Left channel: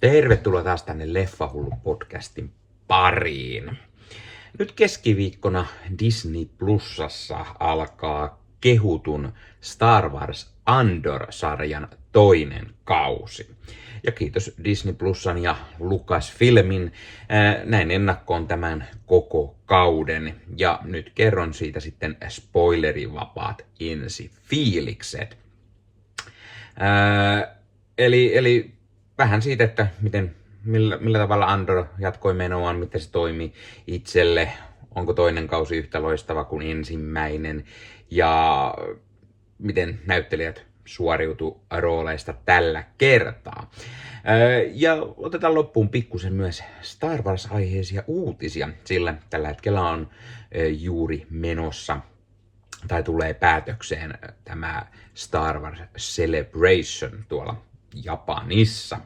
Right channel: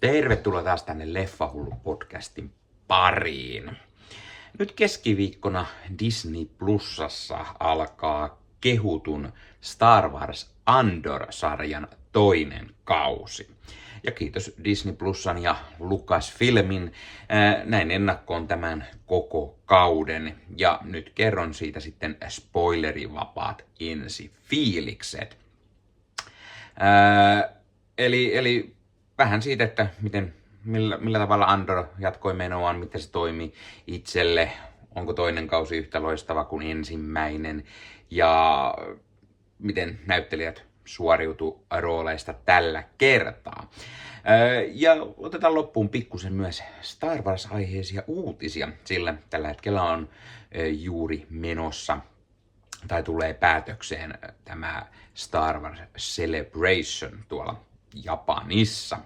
Tervetuloa taas tänne Leffahullu-podcastin pariin. Nyt keskiviikkona Disney Plusassa alkaa kehutun Star Wars Andor-sarjan toinen kausi. Ja kiitos Disney Plusan ja Lucasfilmin, näin ennakkoon tämän koko kauden. Ja nyt kerron siitä sitten spoilerivapaat ensifiilikset. Eli vähän siitä, että millä tavalla Andor jatkoi menoaan, miten se toimi itselle, onko toinen kausi yhtä loistava kuin ensimmäinen ja miten näyttelijät suoriutu rooleista tällä kertaa. Ja otetaan loppuun pikkusen myös Star Wars-aiheisia uutisia, sillä tällä hetkellä on juuri menossa tai tulee päätökseen tämä Star Wars Celebration tuolla Japanissa.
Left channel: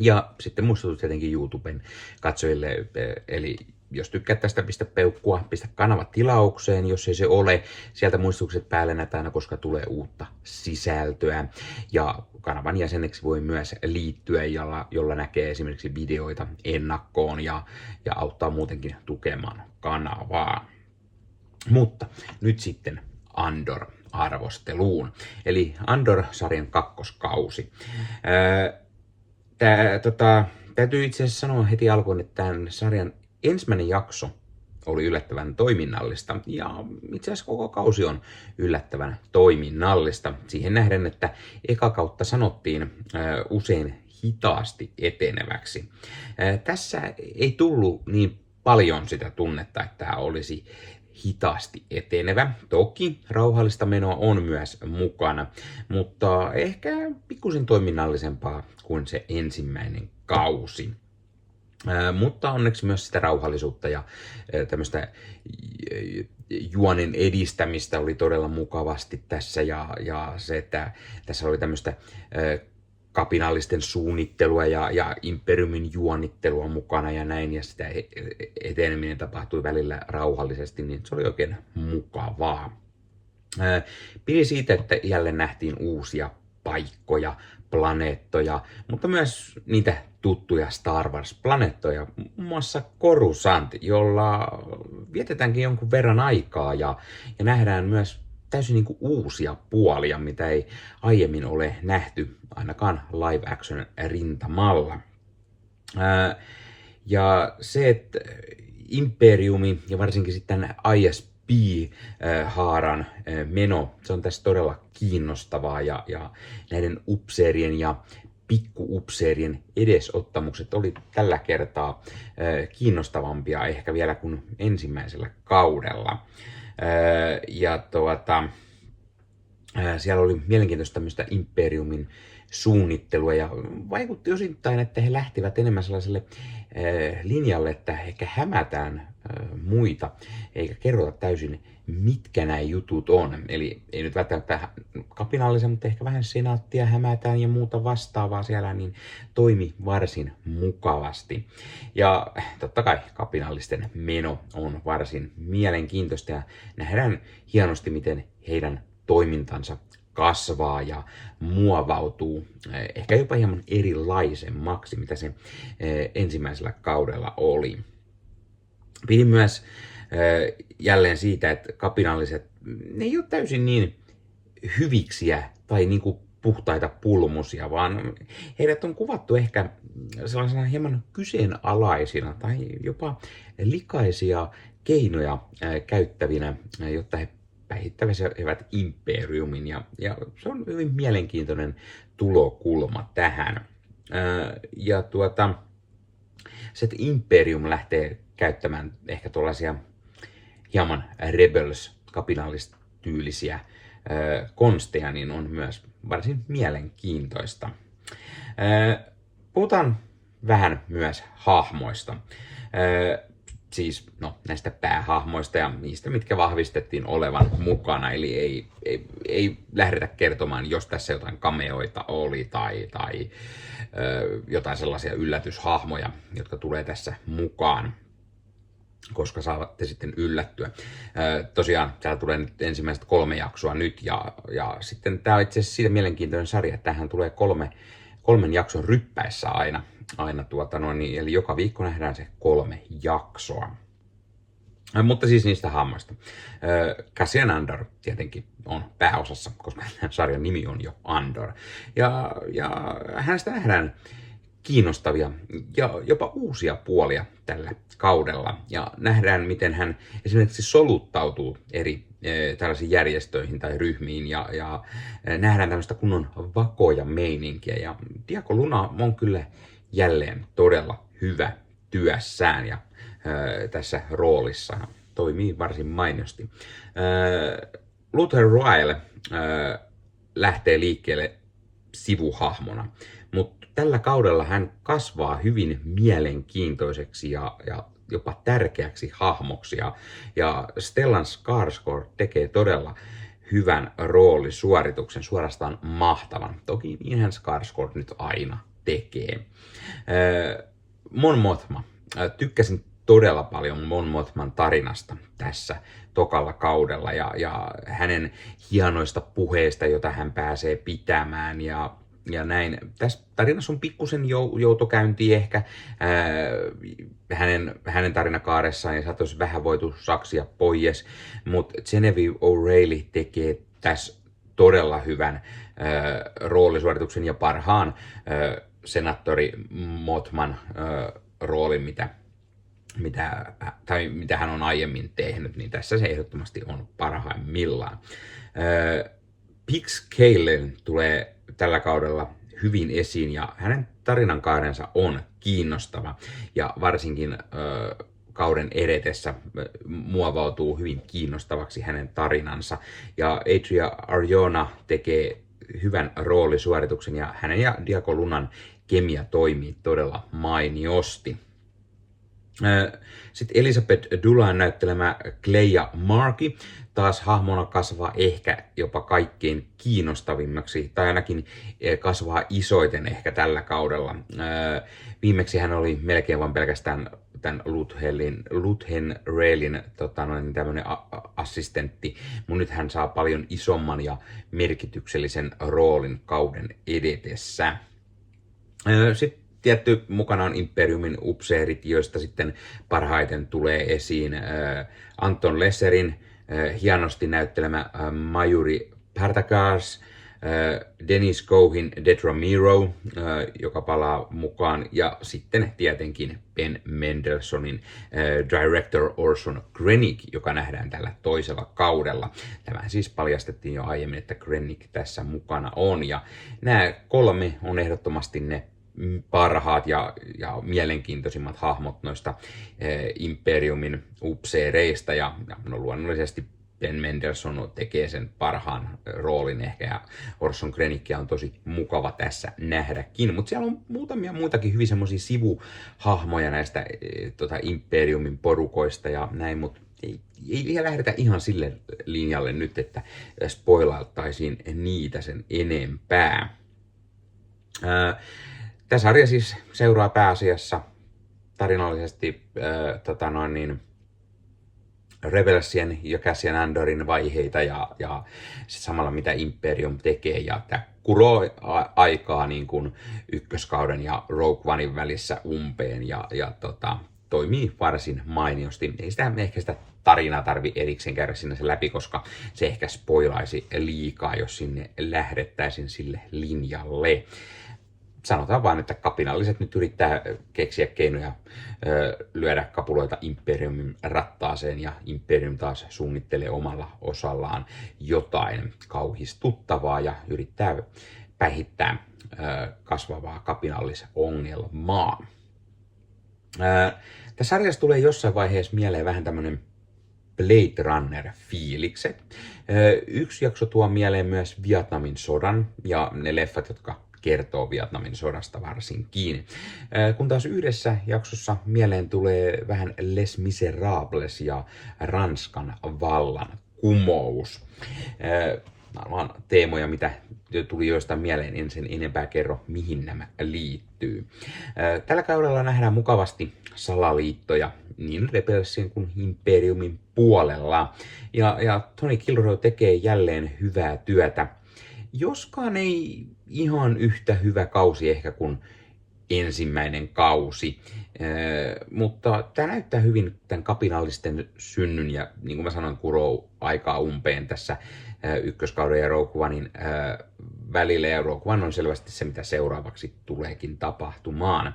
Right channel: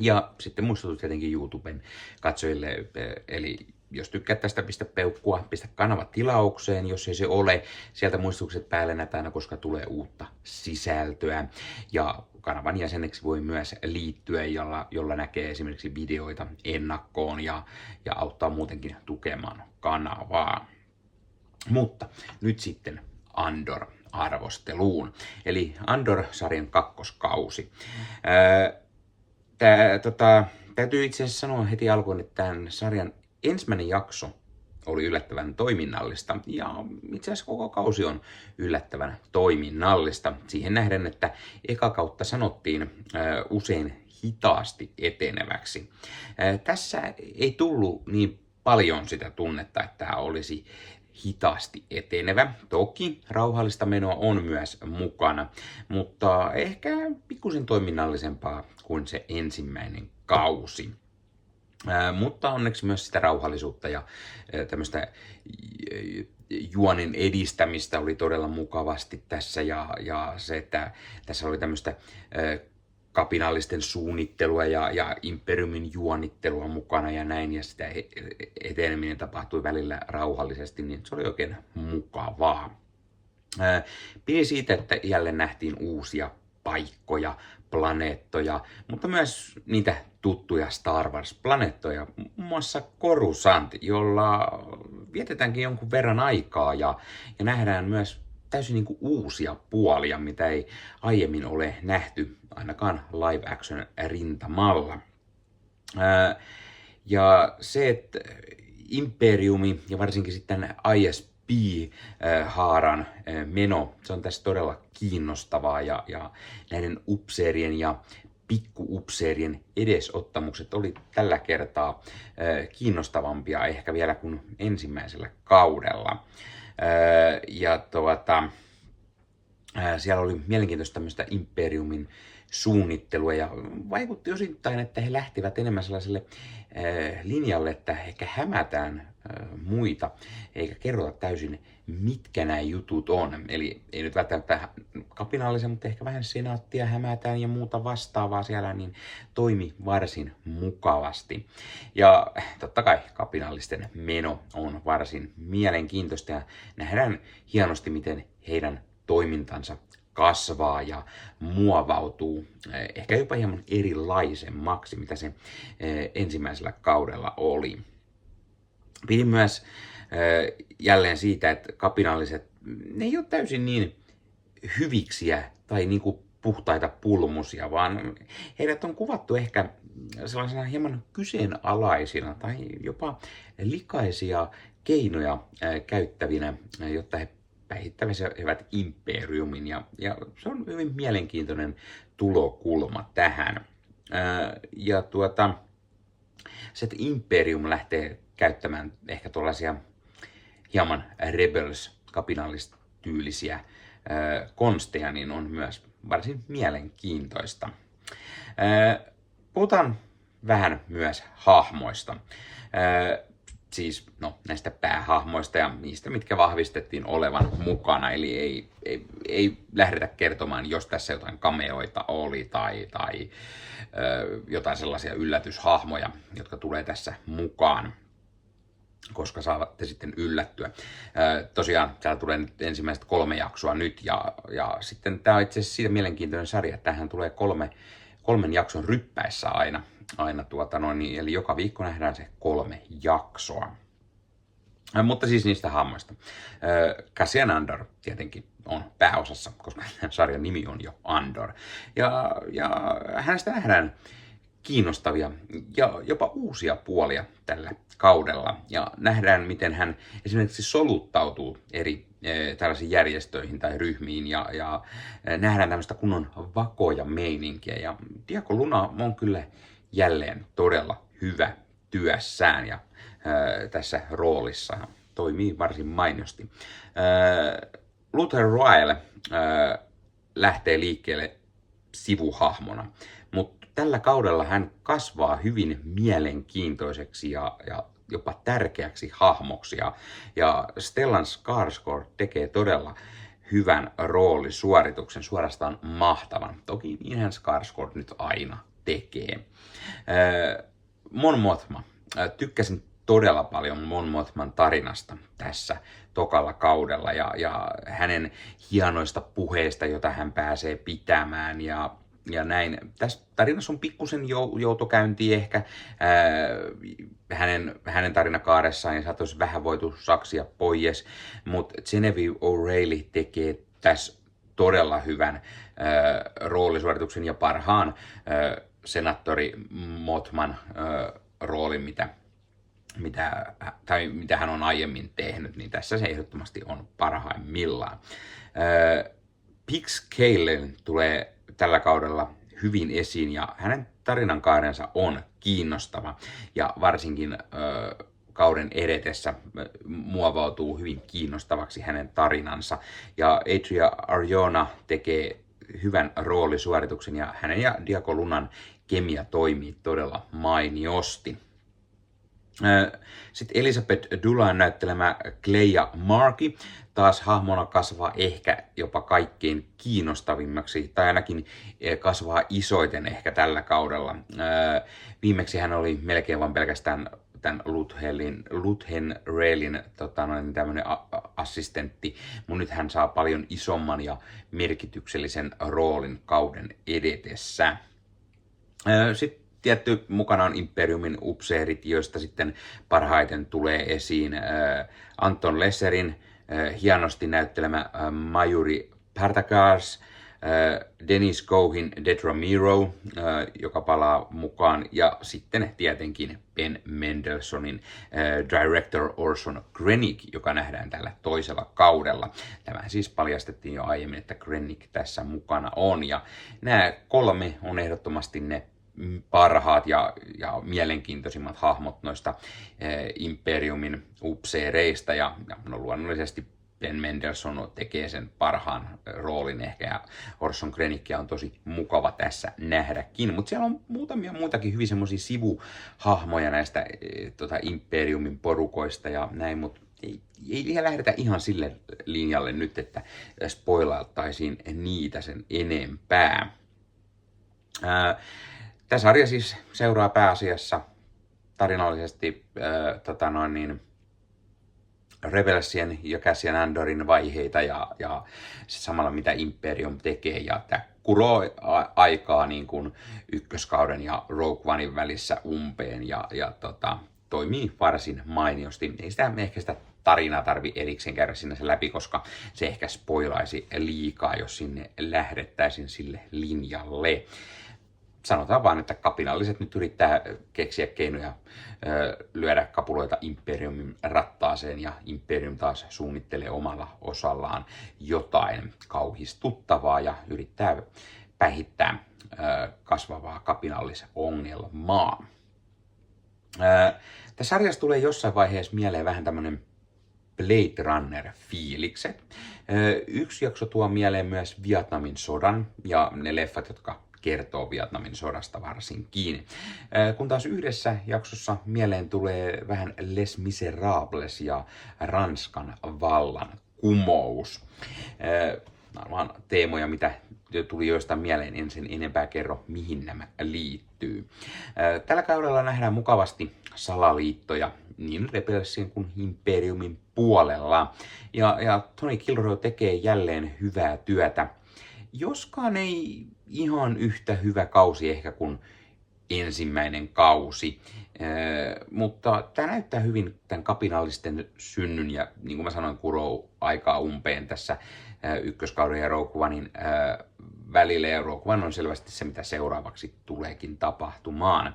Ja sitten muistutus tietenkin YouTuben katsojille, eli jos tykkäät tästä, pistä peukkua, pistä kanava tilaukseen, jos ei se ole. Sieltä muistutukset päälle näitä aina, koska tulee uutta sisältöä. Ja kanavan jäseneksi voi myös liittyä, jolla näkee esimerkiksi videoita ennakkoon ja auttaa muutenkin tukemaan kanavaa. Mutta nyt sitten Andor-arvosteluun. Eli Andor-sarjan kakkoskausi. Täytyy itse asiassa sanoa heti alkuun, että tämän sarjan ensimmäinen jakso oli yllättävän toiminnallista ja itse asiassa koko kausi on yllättävän toiminnallista. Siihen nähden, että eka kautta sanottiin usein hitaasti eteneväksi. Tässä ei tullut niin paljon sitä tunnetta, että tämä olisi hitaasti etenevä. Toki rauhallista menoa on myös mukana, mutta ehkä pikkusin toiminnallisempaa kuin se ensimmäinen kausi. Mutta onneksi myös sitä rauhallisuutta ja tämmöistä juonen edistämistä oli todella mukavasti tässä ja se, että tässä oli tämmöistä kapinallisten suunnittelua ja imperiumin juonittelua mukana ja näin, ja sitä eteneminen tapahtui välillä rauhallisesti, niin se oli oikein mukavaa. Pidin siitä, että jälleen nähtiin uusia paikkoja, planeettoja, mutta myös niitä tuttuja Star Wars-planeettoja, muun muassa Coruscant, jolla vietetäänkin jonkun verran aikaa ja nähdään myös täysin niin kuin uusia puolia, mitä ei aiemmin ole nähty, ainakaan live action rintamalla. Ja se, että Imperiumi ja varsinkin sitten ISB-haaran meno, se on tässä todella kiinnostavaa ja näiden upseerien ja pikkuupseerien edesottamukset oli tällä kertaa kiinnostavampia ehkä vielä kuin ensimmäisellä kaudella. Siellä oli mielenkiintoista tämmöistä imperiumin suunnittelua ja vaikutti osittain, että he lähtivät enemmän sellaiselle linjalle, että ehkä hämätään muita, eikä kerrota täysin, mitkä nämä jutut on. Eli ei nyt välttämättä kapinallisen, mutta ehkä vähän senaattia hämätään ja muuta vastaavaa siellä, niin toimi varsin mukavasti. Ja totta kai kapinallisten meno on varsin mielenkiintoista ja nähdään hienosti, miten heidän toimintansa kasvaa ja muovautuu ehkä jopa hieman erilaisemmaksi, mitä se ensimmäisellä kaudella oli. Pidin myös jälleen siitä, että kapinalliset, ne ei ole täysin niin hyviksiä tai niin kuin puhtaita pulmusia, vaan heidät on kuvattu ehkä sellaisena hieman kyseenalaisina tai jopa likaisia keinoja käyttävinä, jotta he päihittävät imperiumin ja se on hyvin mielenkiintoinen tulokulma tähän. Se, että imperium lähtee käyttämään ehkä tuollaisia hieman rebels-kapinallistyylisiä konsteja, niin on myös varsin mielenkiintoista. Puhutaan vähän myös hahmoista. Siis näistä päähahmoista ja niistä, mitkä vahvistettiin olevan mukana. Eli ei lähdetä kertomaan, jos tässä jotain cameoita oli tai jotain sellaisia yllätyshahmoja, jotka tulee tässä mukaan, koska saatte sitten yllättyä. Tosiaan täällä tulee nyt ensimmäiset 3 jaksoa nyt ja sitten tämä on itse asiassa siitä mielenkiintoinen sarja, että tähän tulee 3 jakson ryppäissä aina. aina eli joka viikko nähdään se 3 jaksoa. Mutta siis niistä hahmoista. Cassian Andor tietenkin on pääosassa, koska sarjan nimi on jo Andor. Ja hänestä nähdään kiinnostavia ja jopa uusia puolia tällä kaudella. Ja nähdään, miten hän esimerkiksi soluttautuu eri tällaisiin järjestöihin tai ryhmiin ja nähdään tämmöistä kunnon vakoja meininkiä. Ja Diego Luna on kyllä jälleen todella hyvä työssään ja tässä roolissa toimii varsin mainiosti. Luther Royle lähtee liikkeelle sivuhahmona, mutta tällä kaudella hän kasvaa hyvin mielenkiintoiseksi ja jopa tärkeäksi hahmoksi. Ja Stellan Skarsgård tekee todella hyvän roolisuorituksen, suorastaan mahtavan. Toki niinhän Skarsgård nyt aina tekee. Mon Mothma. Tykkäsin todella paljon Mon Mothman tarinasta tässä tokalla kaudella ja hänen hienoista puheista, joita hän pääsee pitämään ja näin. Tässä tarinassa on pikkusen joutokäynti ehkä hänen tarinakaaressaan ja saataisiin vähän voitu saksia pois, mutta Genevieve O'Reilly tekee tässä todella hyvän roolisuorituksen ja parhaan senaattori Mothman roolin, mitä hän on aiemmin tehnyt, niin tässä se ehdottomasti on parhaimmillaan. Pix Kalen tulee tällä kaudella hyvin esiin ja hänen tarinankaarensa on kiinnostava ja varsinkin kauden edetessä muovautuu hyvin kiinnostavaksi hänen tarinansa. Ja Adria Arjona tekee hyvän roolisuorituksen ja hänen ja Diego Lunan kemia toimii todella mainiosti. Sitten Elizabeth Dulain näyttelemä Clea Markey taas hahmona kasvaa ehkä jopa kaikkein kiinnostavimmaksi, tai ainakin kasvaa isoiten ehkä tällä kaudella. Viimeksi hän oli melkein vain pelkästään tämän Luthen Raelin tämmöinen assistentti, mutta nyt hän saa paljon isomman ja merkityksellisen roolin kauden edetessä. Sitten tietty mukana on Imperiumin upseerit, joista sitten parhaiten tulee esiin Anton Lesserin hienosti näyttelemä Majuri Partagars, Dennis Cohin Dedra Meero, joka palaa mukaan, ja sitten tietenkin Ben Mendelsohnin director Orson Krennic, joka nähdään tällä toisella kaudella. Tämä siis paljastettiin jo aiemmin, että Krennic tässä mukana on, ja nämä 3 on ehdottomasti ne parhaat ja mielenkiintoisimmat hahmot noista Imperiumin upseereista ja no, luonnollisesti Ben Mendelsohn tekee sen parhaan roolin ehkä ja Orson Krennickia on tosi mukava tässä nähdäkin, mutta siellä on muutamia muitakin hyvin semmoisia sivuhahmoja näistä Imperiumin porukoista ja näin, mutta ei lähdetä ihan sille linjalle nyt, että spoilailtaisiin niitä sen enempää. Tämä sarja siis seuraa pääasiassa tarinallisesti Rebelsien ja Cassian Andorin vaiheita ja samalla mitä Imperium tekee. Ja tämä kuroo aikaa niin kuin ykköskauden ja Rogue Onein välissä umpeen ja toimii varsin mainiosti. Ei sitä tarinaa tarvi erikseen käydä sinne se läpi, koska se ehkä spoilaisi liikaa, jos sinne lähdettäisiin sille linjalle. Sanotaan vaan, että kapinalliset nyt yrittää keksiä keinoja lyödä kapuloita Imperiumin rattaaseen ja Imperium taas suunnittelee omalla osallaan jotain kauhistuttavaa ja yrittää päihittää kasvavaa kapinallisongelmaa. Tässä sarjassa tulee jossain vaiheessa mieleen vähän tämmöinen Blade Runner-fiilikset. Yksi jakso tuo mieleen myös Vietnamin sodan ja ne leffat, jotka kertoo Vietnamin sodasta varsinkin. Kun taas yhdessä jaksossa mieleen tulee vähän Les Miserables ja Ranskan vallan kumous. Nämä ovat teemoja, mitä tuli joistain mieleen, en sen enempää kerro, mihin nämä liittyy. Tällä kaudella nähdään mukavasti salaliittoja niin Rebelsien kuin Imperiumin puolella. Ja Tony Gilroy tekee jälleen hyvää työtä. Joskaan ei ihan yhtä hyvä kausi ehkä kuin ensimmäinen kausi. Mutta tämä näyttää hyvin tämän kapinallisten synnyn ja niin kuin mä sanoin, kuroo aikaa umpeen tässä ykköskauden ja Rogue Onein välillä, ja Rogue One on selvästi se, mitä seuraavaksi tuleekin tapahtumaan.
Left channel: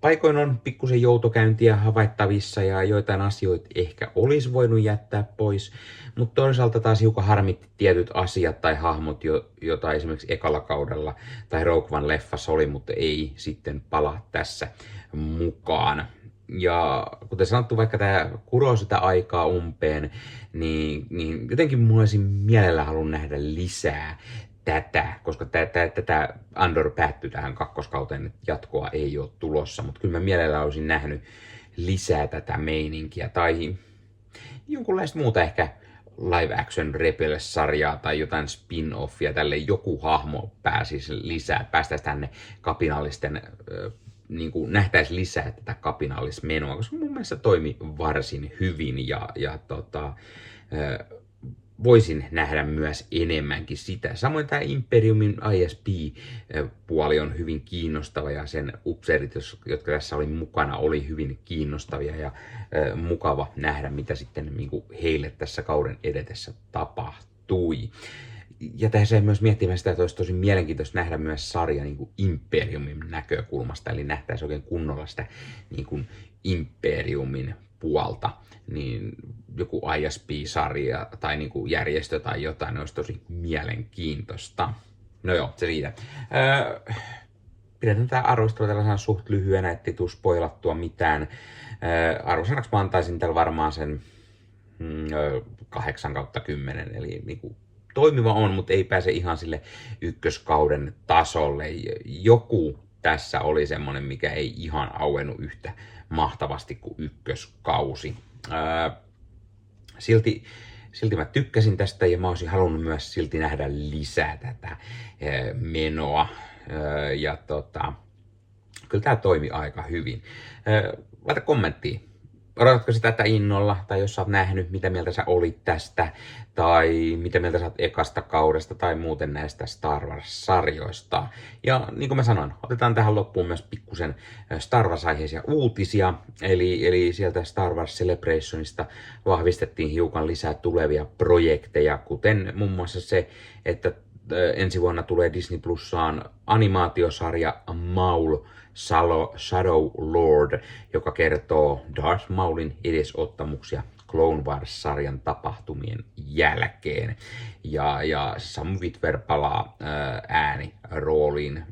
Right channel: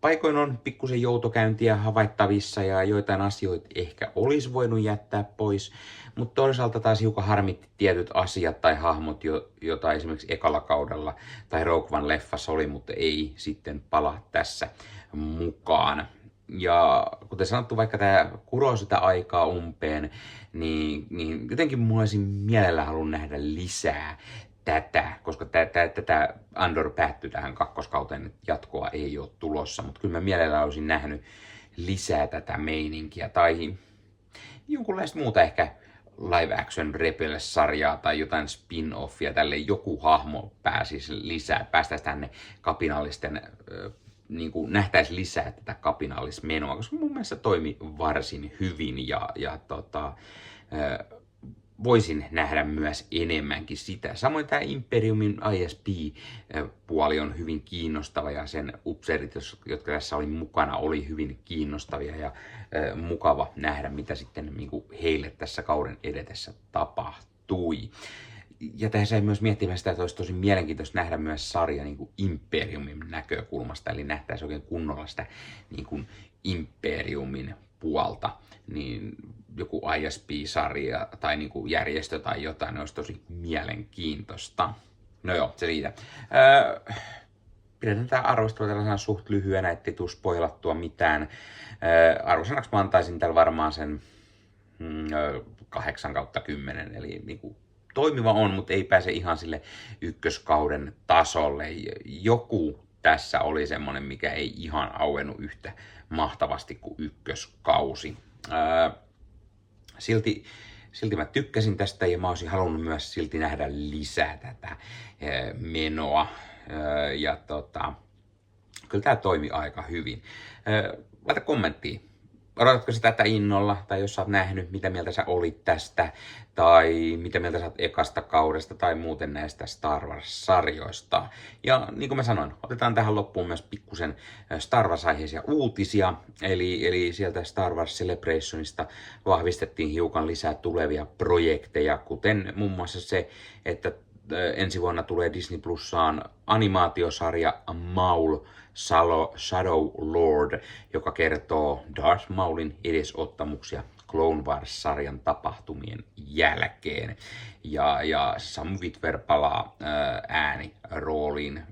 Paikoin on pikkusen joutokäyntiä havaittavissa ja joitain asioita ehkä olisi voinut jättää pois, mutta toisaalta taas hiukan harmitti tietyt asiat tai hahmot, joita esimerkiksi ekalla kaudella tai Rogue One leffassa oli, mutta ei sitten palaa tässä mukaan. Ja kuten sanottu, vaikka tämä kuroo sitä aikaa umpeen, niin jotenkin mulla olisi mielellä halunnut nähdä lisää tätä, koska tätä Andor päättyi tähän kakkoskauteen, että jatkoa ei ole tulossa, mutta kyllä mä mielellä olisin nähnyt lisää tätä meininkiä tai jonkunlaista muuta ehkä live action Rebels-sarjaa tai jotain spin-offia, tälle joku hahmo pääsisi lisää, että päästäisiin tänne kapinallisten, niin kuin nähtäisiin lisää tätä kapinallismenoa, koska mun mielestä toimi varsin hyvin ja voisin nähdä myös enemmänkin sitä. Samoin tämä Imperiumin ISP-puoli on hyvin kiinnostava ja sen upseerit, jotka tässä oli mukana, oli hyvin kiinnostavia ja mukava nähdä, mitä sitten niin kuin heille tässä kauden edetessä tapahtui. Ja tässä myös miettimään sitä, että olisi tosi mielenkiintoista nähdä myös sarja niin kuin Imperiumin näkökulmasta, eli nähtäisiin oikein kunnolla sitä niin kuin Imperiumin puolta, niin joku ISP-sarja tai niin kuin järjestö tai jotain, olisi tosi mielenkiintoista. No joo, se siitä. Pidetään tämä arvostelu tällaisena suht lyhyenä, ettei tule spoilattua mitään. Arvosanaksi mä antaisin tällä varmaan sen 8/10, eli niin kuin toimiva on, mutta ei pääse ihan sille ykköskauden tasolle. Joku tässä oli semmoinen, mikä ei ihan auennut yhtä mahtavasti kuin ykköskausi. Silti mä tykkäsin tästä ja mä olisin halunnut myös silti nähdä lisää tätä menoa. Ja kyllä tää toimi aika hyvin. Laita kommenttia. Odotatko sä tätä innolla, tai jos sä oot nähnyt, mitä mieltä sä olit tästä, tai mitä mieltä sä oot ekasta kaudesta, tai muuten näistä Star Wars-sarjoista. Ja niin kuin mä sanoin, otetaan tähän loppuun myös pikkusen Star Wars-aiheisia uutisia, eli sieltä Star Wars Celebrationista vahvistettiin hiukan lisää tulevia projekteja, kuten muun muassa se, että ensi vuonna tulee Disney Plusaan animaatiosarja Maul Shadow Lord, joka kertoo Darth Maulin edesottamuksia Clone Wars-sarjan tapahtumien jälkeen. Ja Sam Witwer palaa äänirooliin,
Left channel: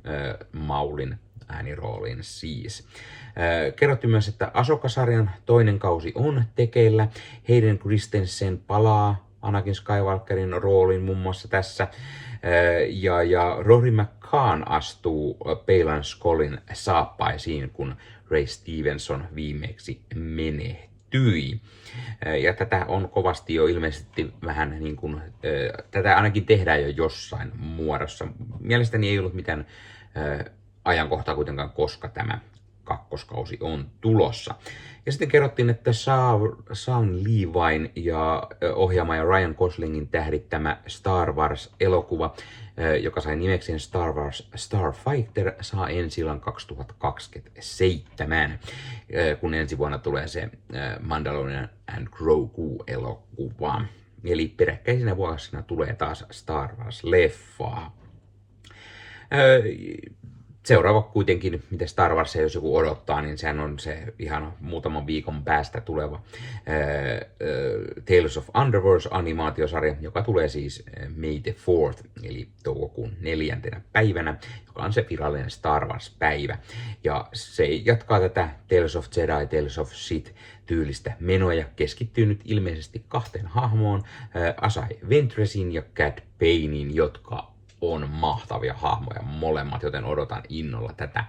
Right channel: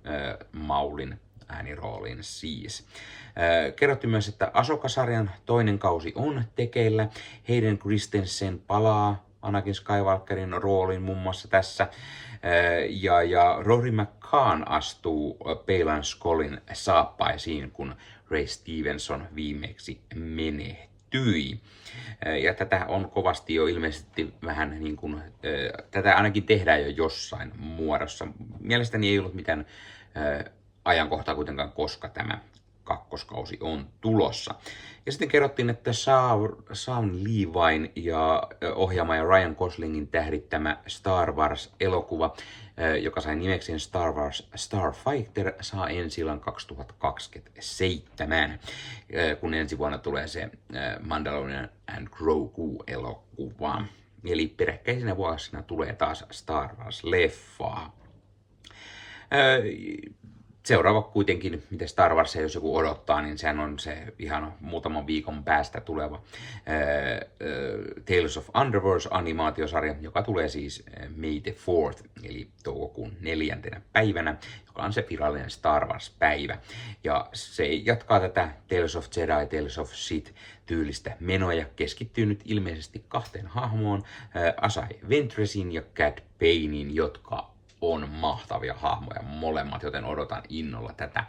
Maulin äänirooliin siis. Kerrottiin myös, että Ahsoka-sarjan toinen kausi on tekeillä. Hayden Christensen palaa Anakin Skywalkerin rooliin muun muassa tässä. Ja Rory McCann astuu Baylan Skollin saappaisiin, kun Ray Stevenson viimeksi menehtyi. Ja tätä on kovasti jo ilmeisesti vähän niin kuin, tätä ainakin tehdään jo jossain muodossa. Mielestäni ei ollut mitään ajankohtaa kuitenkaan, koska tämä kakkoskausi on tulossa. Ja sitten kerrottiin, että Sam Levine ja ohjaama ja Ryan Goslingin tähdittämä Star Wars-elokuva, joka sai nimekseen Star Wars Starfighter, saa ensi-illan 2027, kun ensi vuonna tulee se Mandalorian and Grogu-elokuva. Eli peräkkäisinä vuosina tulee taas Star Wars-leffaa. Seuraava kuitenkin, mitä Star Wars, jos joku odottaa, niin sehän on se ihan muutaman viikon päästä tuleva Tales of Underverse-animaatiosarja, joka tulee siis May the 4th, eli toukokuun 4. päivänä, joka on se virallinen Star Wars-päivä. Ja se jatkaa tätä Tales of Jedi, Tales of Sith tyylistä menoa ja keskittyy nyt ilmeisesti kahteen hahmoon, Asai Ventress'n ja Cad Banein, jotka on mahtavia hahmoja molemmat, joten odotan innolla tätä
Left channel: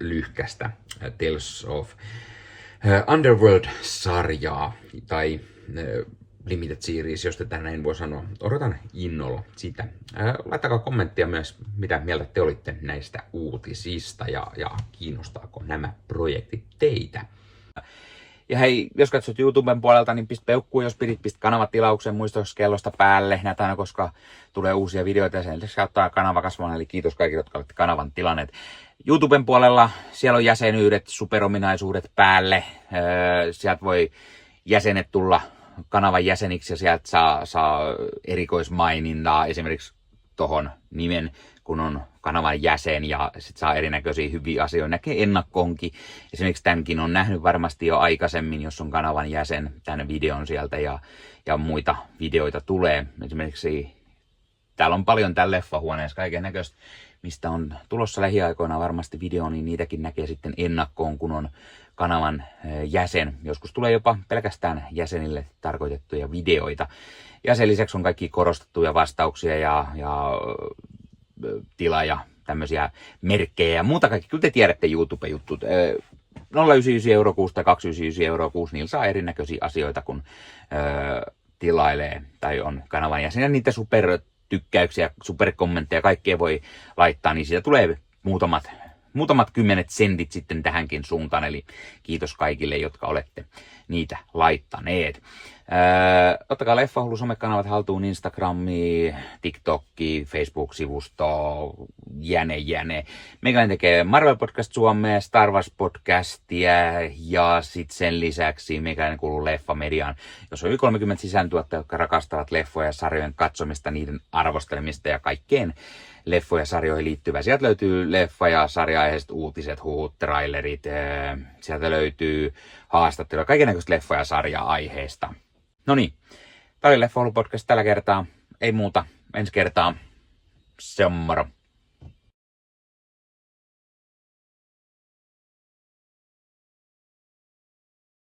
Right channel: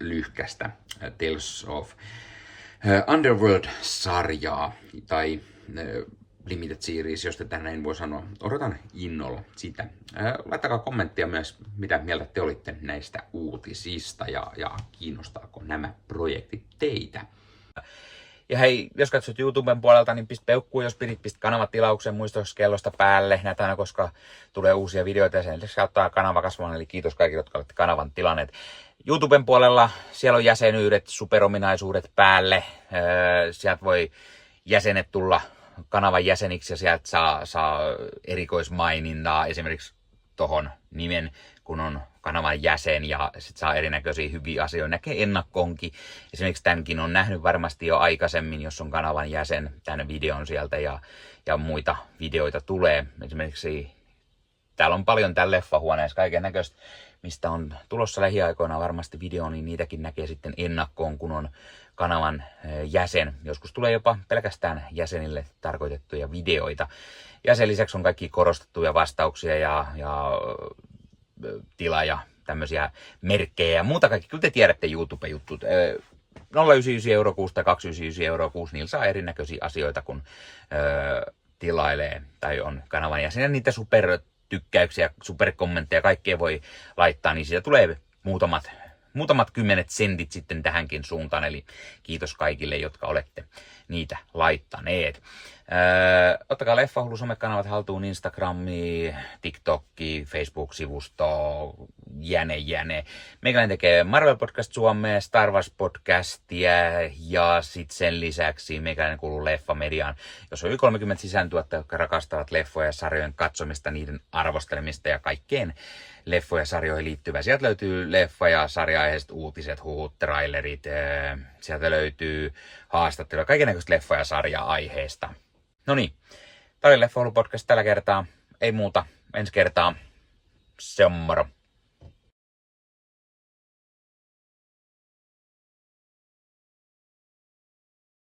lyhkästä Tales of Underworld-sarjaa tai Limited Series, jos tätä näin voi sanoa. Odotan innolla sitä. Laittakaa kommenttia myös, mitä mieltä te olitte näistä uutisista ja kiinnostaako nämä projektit teitä. Ja hei, jos katsot YouTuben puolelta, niin pistä peukkuun, jos pistä kanavatilauksen muistoskellosta päälle näitä aina, koska tulee uusia videoita ja sen lisäksi ottaa kanava kasvamaan. Eli kiitos kaikille, jotka olette kanavan tilanneet. YouTuben puolella siellä on jäsenyydet, superominaisuudet päälle. Sieltä voi jäsenet tulla kanavan jäseniksi ja sieltä saa erikoismainintaa esimerkiksi tohon nimen, kun on kanavan jäsen ja sit saa erinäköisiä hyviä asioita. Näkee ennakkoonkin. Esimerkiksi tämänkin on nähnyt varmasti jo aikaisemmin, jos on kanavan jäsen, tämän videon sieltä ja muita videoita tulee. Esimerkiksi täällä on paljon täällä leffahuoneessa kaiken näköistä, mistä on tulossa lähiaikoina varmasti video, niin niitäkin näkee sitten ennakkoon, kun on kanavan jäsen. Joskus tulee jopa pelkästään jäsenille tarkoitettuja videoita. Ja sen lisäksi on kaikki korostettuja vastauksia ja tila- tämmöisiä merkkejä ja muuta kaikki. Kyllä te tiedätte YouTube-juttut. 0,99 € kuussa tai 2,99 € kuussa, niillä saa erinäköisiä asioita, kun tilailee tai on kanavan jäsen. Ja niitä supertykkäyksiä, superkommentteja, kaikkea voi laittaa, niin siitä tulee muutamat kymmenet sentit sitten tähänkin suuntaan. Eli kiitos kaikille, jotka olette niitä laittaneet. Ottakaa Leffahullu somekanavat haltuun, Instagrami, TikTokki, Facebook-sivusto, jäne. Meikäläinen tekee Marvel Podcast Suomea, Star Wars Podcastia ja sitten sen lisäksi meikäläinen kuuluu Leffamediaan, jos on yli 30 sisäntuottajia, jotka rakastavat leffoja ja sarjojen katsomista, niiden arvostelemista ja kaikkeen leffoja ja sarjoihin liittyvää. Sieltä löytyy leffa- ja sarja-aiheiset uutiset, huhut, trailerit, sieltä löytyy haastatteluja, kaikennäköistä leffa- ja sarja-aiheesta. No niin, tää oli Leffahullu podcast tällä kertaa. Ei muuta, ensi kertaa. Se on moro.